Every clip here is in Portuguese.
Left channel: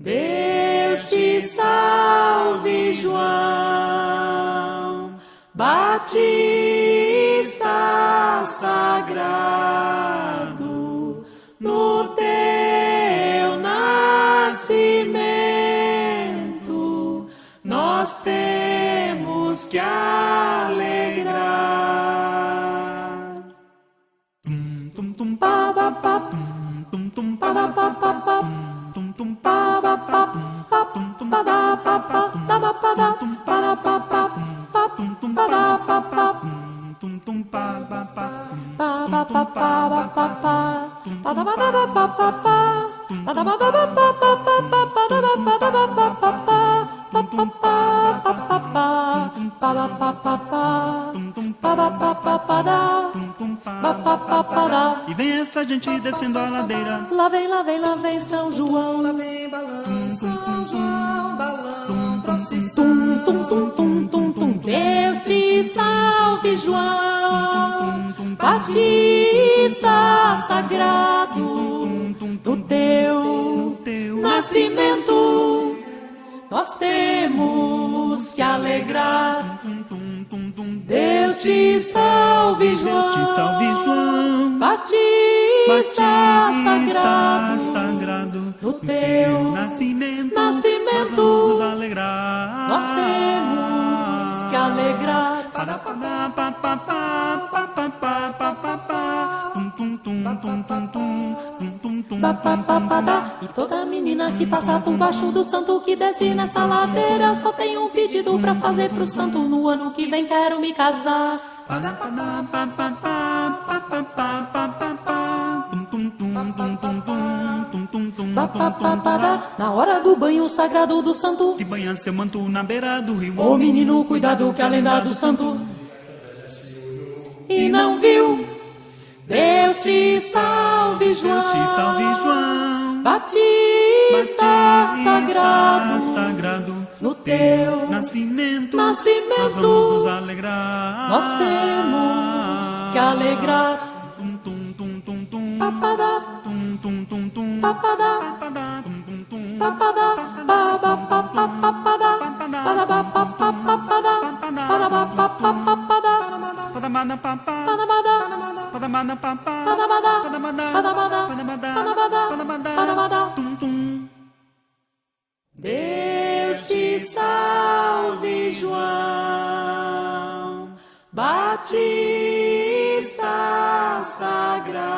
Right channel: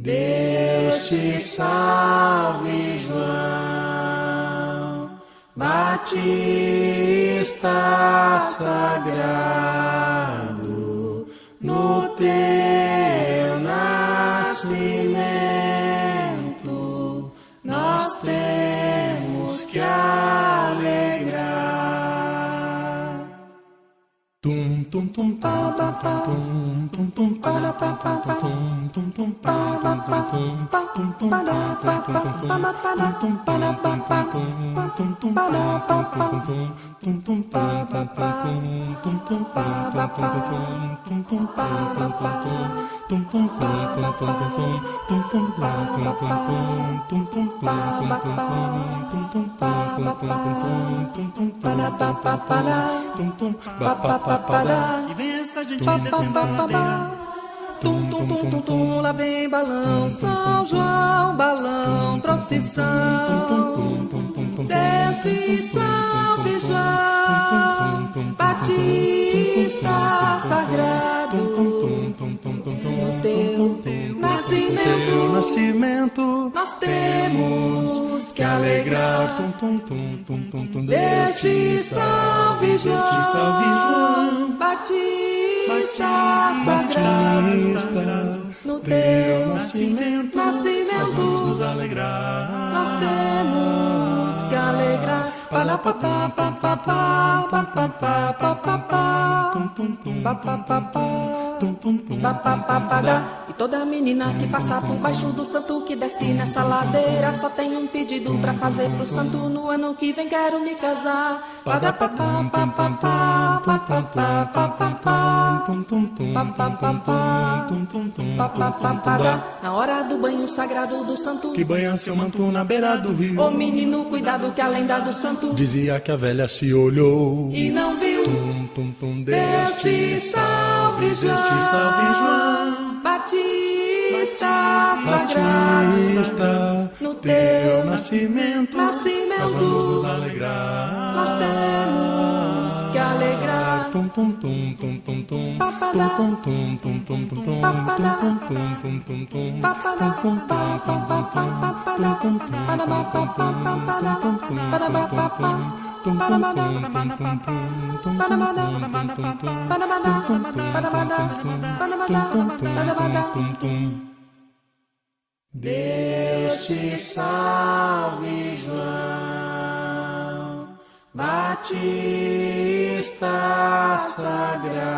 Deus te salve, João Batista sagrado, no teu nascimento nós temos que alegrar. Tum tum tum pa pa pa tum tum tum pa pa pa pa tum tum pa pa pa tum tum pa pa pa tum pa pa tum pa pa pa tum tum pa pa pa tum tum pa pa pa tum tum pa pa pa tum tum pa pa pa tum tum pa pa pa tum tum pa pa E vem essa gente descendo a ladeira. Lá vem São João, lá vem balão, São João, balão, procissão. Deus te salve, João Batista sagrado, no teu nascimento nós temos que alegrar. Deus te salve, João Batista sagrado, no teu nascimento nós vamos nos alegrar. nós temos que alegrar. E toda menina que passa por baixo do santo que desce nessa ladeira só tem um pedido pra fazer pro santo: no ano que vem quero me casar. Na hora do banho sagrado do santo, que banha seu manto na beira do rio. ô menino, cuidado que a lenda do santo dizia que a velha se olhou e não viu. Deus te salve, João Batista sagrado, no teu nascimento nós vamos nos alegrar. nós temos que alegrar. Papadá, papadá, Deus te salve, João Batista sagrado,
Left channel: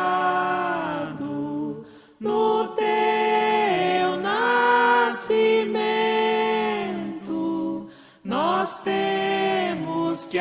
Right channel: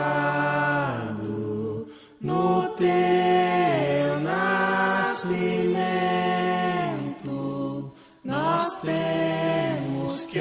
no teu nascimento nós temos que